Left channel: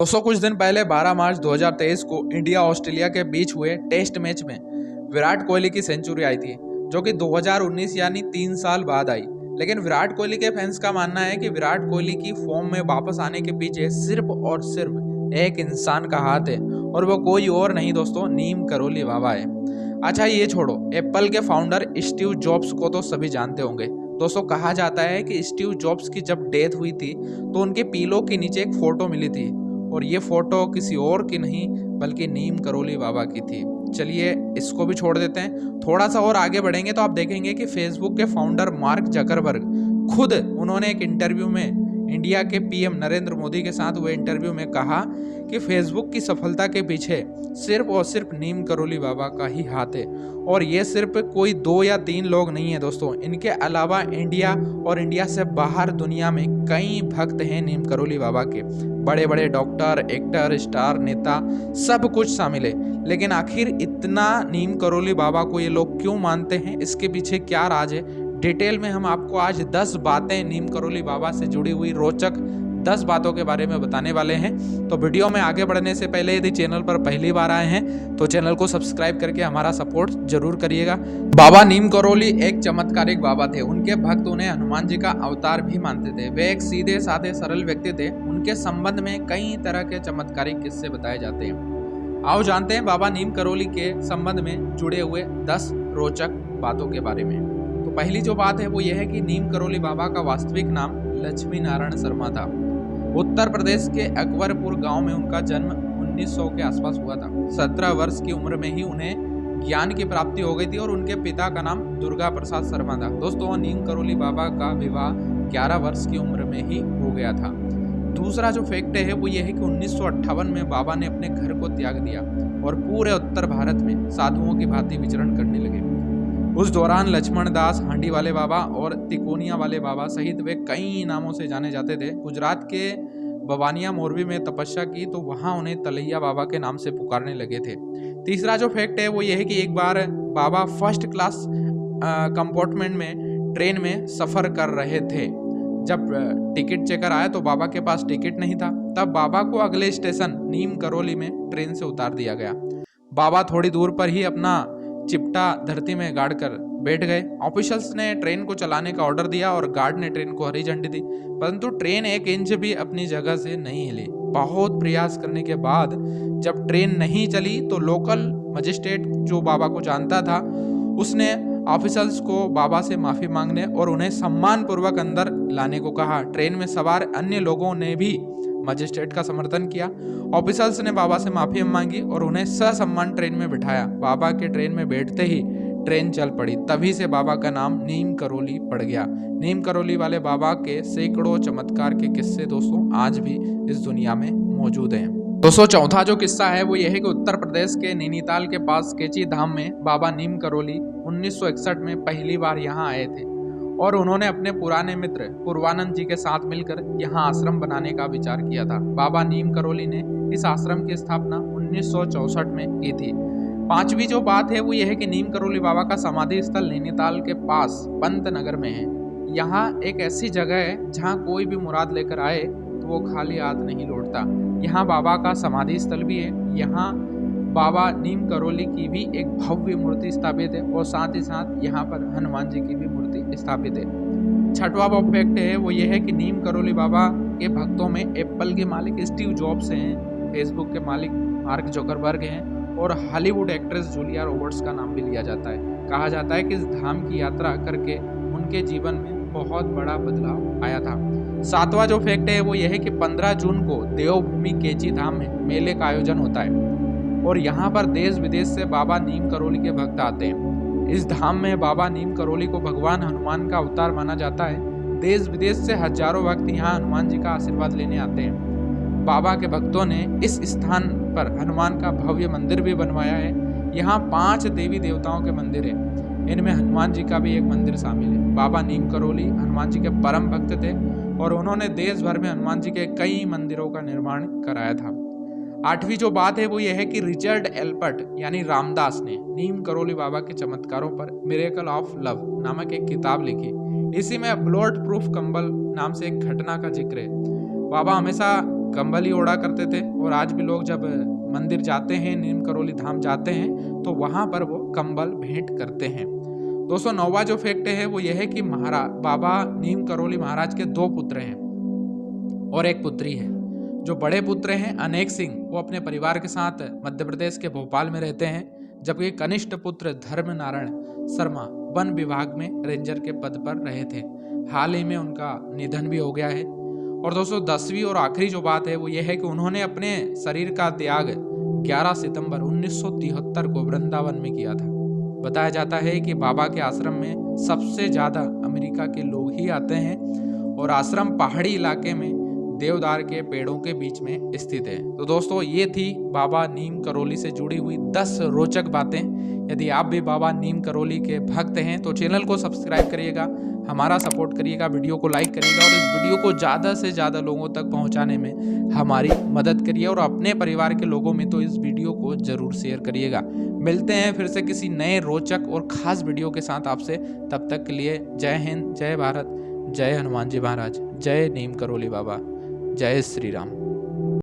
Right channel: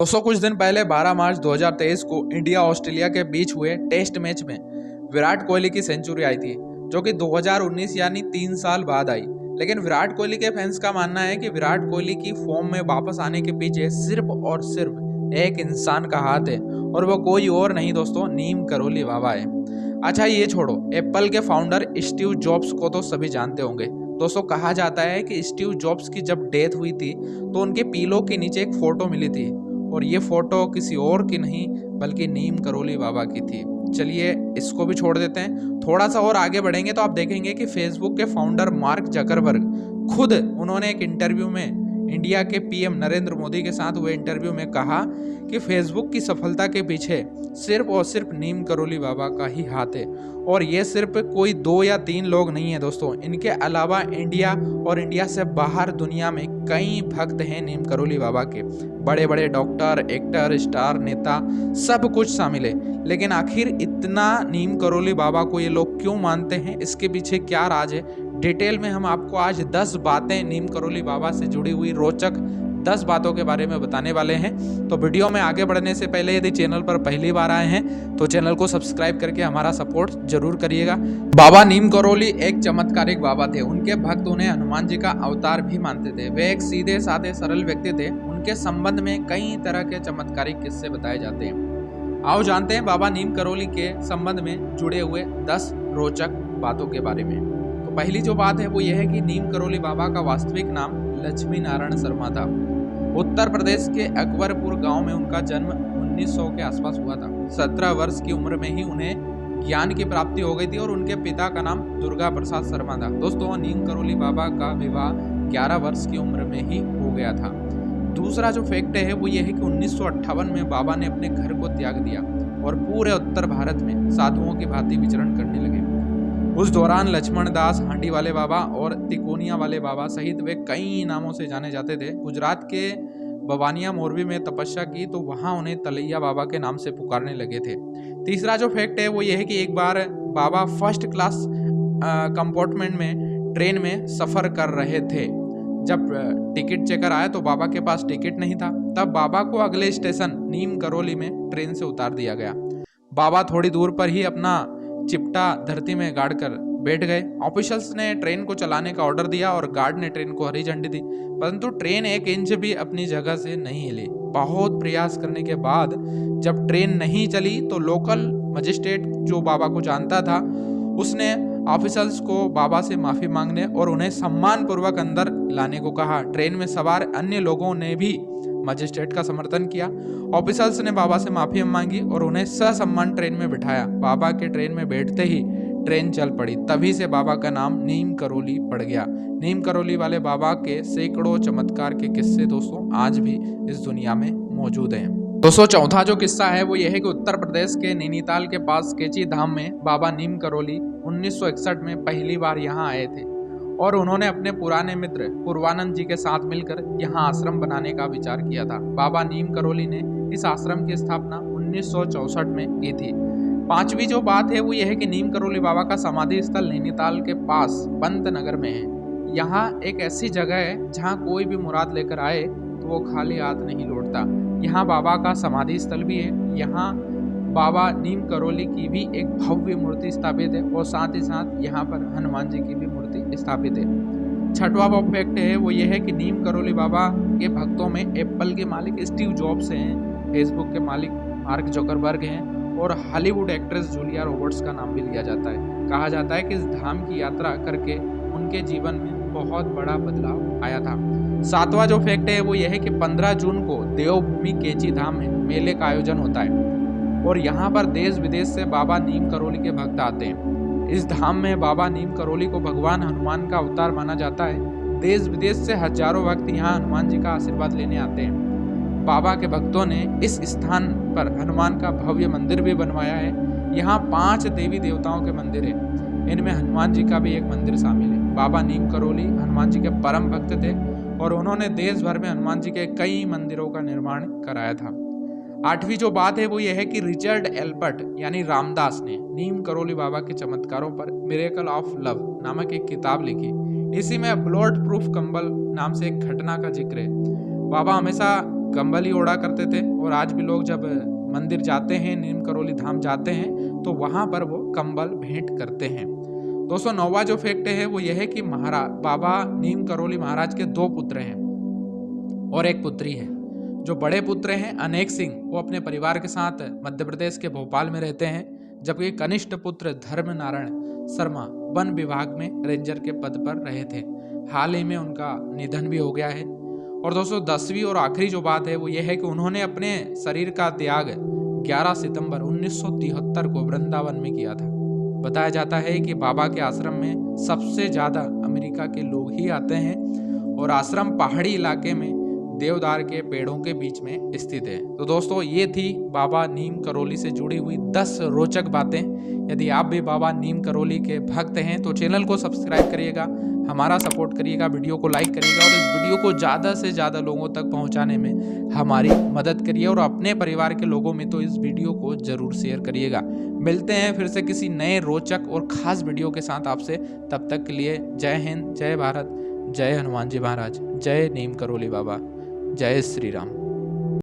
दोस्तों कुछ दिन पहले 12 मार्च 2023 को इंडिया ऑस्ट्रेलिया के बीच हुए टेस्ट मैच में विराट कोहली की सेंचुरी आई थी, जो कि 2019 यानी 3 साल बाद आई। लेकिन विराट कोहली के फैंस का मानना है कि विराट कोहली की फॉर्म में वापस आने के पीछे सिर्फ और सिर्फ एक इंसान का हाथ है, और वो कोई और नहीं दोस्तों, नीम करोली बाबा है। अच्छा ये छोड़ो, एप्पल के फाउंडर स्टीव जॉब्स को तो सभी जानते होंगे। दोस्तों कहा जाता है कि स्टीव जॉब्स की जब डेथ हुई थी तो उनके पीलो के नीचे एक फोटो मिली थी, और ये फोटो किसी और की नहीं बल्कि नीम करोली बाबा की थी। चलिए इसको भी छोड़ देते हैं, थोड़ा सा और आगे बढ़ेंगे तो आप देखेंगे कि फेसबुक के फाउंडर मार्क जकरबर्ग खुद उन्होंने एक इंटरव्यू में इंडिया के पीएम नरेंद्र मोदी के साथ हुए इंटरव्यू में कहा कि फेसबुक की सफलता के पीछे सिर्फ और सिर्फ नीम करोली बाबा का ही हाथ है। और ये सिर्फ कोई 2 या 3 लोग नहीं है दोस्तों, इनके अलावा इंडिया और इंडिया से बाहर दुनिया में कई भक्त हैं नीम करोली बाबा के। बड़े बड़े डॉक्टर, एक्टर, स्टार, नेता सब कुछ शामिल है। लेकिन आखिर इतना नीम करोली बाबा को ये लोग क्यों मानते हैं, इसके पीछे क्या राज है, डिटेल में हम आपको आज 10 बातें नीम करोली बाबा से जुड़ी हुई रोचक 10 बातों के बारे में बताने वाले हैं। तो वीडियो में आगे बढ़ने से पहले यदि चैनल पर पहली बार आए हैं तो चैनल को सब्सक्राइब करके हमारा सपोर्ट जरूर करिएगा। बाबा नीम करोली एक चमत्कारिक बाबा थे। उनके भक्त उन्हें हनुमान जी का अवतार भी मानते थे। वे एक सीधे साधे सरल व्यक्ति थे। उनके संबंध में कई तरह के चमत्कारिक किस्से बताए जाते हैं। आओ जानते हैं बाबा नीम करोली के संबंध में जुड़े हुए 10 रोचक बातों के बारे में। तो पहली जो बात है वो यह है कि नीम करोली बाबा का वास्तविक नाम लक्ष्मी नारायण शर्मा था। उत्तर प्रदेश के अकबरपुर गांव में उनका जन्म 1900 के आसपास हुआ था। 17 वर्ष की उम्र में ही उन्हें ज्ञान की प्राप्ति हो गई थी और उनके पिता का नाम दुर्गा प्रसाद शर्मा था। दोस्तों नीम करोली बाबा का विवाह 11 वर्ष की उम्र में ही हो गया था। दूसरा जो फैक्ट है वो ये है कि 1958 में बाबा ने अपने घर को त्याग दिया और पूरे उत्तर भारत में साधुओं की भांति विचरण करने लगे। उस दौरान लक्ष्मण दास, हांडी वाले बाबा और तिकोनिया वाले बाबा सहित वे कई नामों से जाने जाते थे। गुजरात के बवानिया मोरबी में तपस्या की तो वहां उन्हें तलैया बाबा के नाम से पुकारने लगे थे। तीसरा जो फैक्ट है वो ये है कि एक बार बाबा फर्स्ट क्लास कंपार्टमेंट में ट्रेन में सफर कर रहे थे। जब टिकट चेकर आया तो बाबा के पास टिकट नहीं था। तब बाबा को अगले स्टेशन नीम करोली में ट्रेन से उतार दिया गया। बाबा थोड़ी दूर पर ही अपना चिपटा धरती में गाड़ कर बैठ गए। ऑफिसर्स ने ट्रेन को चलाने का ऑर्डर दिया और गार्ड ने ट्रेन को हरी झंडी दी, परंतु ट्रेन 1 इंच भी अपनी जगह से नहीं हिली। बहुत प्रयास करने के बाद जब ट्रेन नहीं चली तो लोकल मजिस्ट्रेट जो बाबा को जानता था उसने ऑफिसर्स को बाबा से माफी मांगने और उन्हें सम्मान पूर्वक अंदर लाने को कहा। ट्रेन में सवार अन्य लोगों ने भी मजिस्ट्रेट का समर्थन किया। ऑफिसर्स ने बाबा से माफी मांगी और उन्हें ससम्मान ट्रेन में बिठाया। बाबा के ट्रेन में बैठते ही ट्रेन चल पड़ी। तभी से बाबा का नाम नीम करोली पड़ गया। नीम करोली वाले बाबा के सैकड़ों चमत्कार के किस्से दोस्तों आज भी इस दुनिया में मौजूद हैं। दोस्तों चौथा जो किस्सा है वो यह है कि उत्तर प्रदेश के नैनीताल के पास केची धाम में बाबा नीम करोली 1961 में पहली बार यहाँ आए थे और उन्होंने अपने पुराने मित्र पूर्वानंद जी के साथ मिलकर यहाँ आश्रम बनाने का विचार किया था। बाबा नीम करोली ने इस आश्रम की स्थापना 1964 में की थी। पांचवी जो बात है वो यह है कि नीम करोली बाबा का समाधि स्थल नैनीताल के पास पंत नगर में है। यहाँ एक ऐसी जगह है जहाँ कोई भी मुराद लेकर आए तो वो खाली हाथ नहीं लौटता। यहाँ बाबा का समाधि स्थल भी है। यहाँ बाबा नीम करोली की भी एक भव्य मूर्ति स्थापित है और साथ ही साथ यहाँ पर हनुमान जी की भी मूर्ति स्थापित है। छठवां फैक्ट है वो ये है कि नीम करोली बाबा के भक्तों में एप्पल के मालिक स्टीव जॉब्स हैं, फेसबुक के मालिक मार्क जकरबर्ग हैं और हॉलीवुड एक्ट्रेस जूलिया रॉबर्ट्स का नाम भी लिया जाता है। कहा जाता है कि इस धाम की यात्रा करके उनके जीवन में बहुत बड़ा बदलाव आया था। सातवां जो फैक्ट है वो यह है कि 15 जून को देवभूमि केची धाम में मेले का आयोजन होता है और यहाँ पर देश विदेश से बाबा नीम करोली के भक्त आते हैं। इस धाम में बाबा नीम करोली को भगवान हनुमान का अवतार माना जाता है। देश विदेश से हजारों भक्त यहाँ हनुमान जी का आशीर्वाद लेने आते हैं। बाबा के भक्तों ने इस स्थान पर हनुमान का भव्य मंदिर भी बनवाया है। यहाँ 5 देवी देवताओं के मंदिर है, इनमें हनुमान जी का भी एक मंदिर शामिल है। बाबा नीम करोली हनुमान जी के परम भक्त थे और उन्होंने देश भर में हनुमान जी के कई मंदिरों का निर्माण कराया था। आठवीं जो बात है वो ये है कि रिचर्ड एल्बर्ट यानी रामदास ने नीम करोली बाबा के चमत्कारों पर मिरेकल ऑफ लव नामक एक किताब लिखी। इसी में ब्लोड प्रूफ कंबल नाम से एक घटना का जिक्र है। बाबा हमेशा कंबल ही ओढ़ा करते थे और आज भी लोग जब मंदिर जाते हैं, नीम करोली धाम जाते हैं, तो वहाँ पर वो कंबल भेंट करते हैं। दोस्तों 9वां जो फैक्ट है वो यह है कि बाबा नीम करोली महाराज के 2 पुत्र हैं और 1 पुत्री है। जो बड़े पुत्र हैं अनेक सिंह, वो अपने परिवार के साथ मध्य प्रदेश के भोपाल में रहते हैं, जबकि कनिष्ठ पुत्र धर्म नारायण शर्मा वन विभाग में रेंजर के पद पर रहे थे। हाल ही में उनका निधन भी हो गया है। और दोस्तों 10वीं और आखिरी जो बात है वो ये है कि उन्होंने अपने शरीर का त्याग 11 सितंबर 1973 को वृंदावन में किया था। बताया जाता है कि बाबा के आश्रम में सबसे ज़्यादा अमेरिका के लोग ही आते हैं और आश्रम पहाड़ी इलाके में देवदार के पेड़ों के बीच में स्थित है। तो दोस्तों ये थी बाबा नीम करोली से जुड़ी हुई 10 रोचक बातें। यदि आप भी बाबा नीम करोली के भक्त हैं तो चैनल को सब्सक्राइब करिएगा, हमारा सपोर्ट करिएगा, वीडियो को लाइक करिएगा और इस वीडियो को ज़्यादा से ज़्यादा लोगों तक पहुंचाने में हमारी मदद करिए और अपने परिवार के लोगों में तो इस वीडियो को ज़रूर शेयर करिएगा। मिलते हैं फिर से किसी नए रोचक और ख़ास वीडियो के साथ आपसे। तब तक के लिए जय हिंद, जय भारत, जय हनुमान जी महाराज, जय नीम करोली बाबा, जय श्री राम।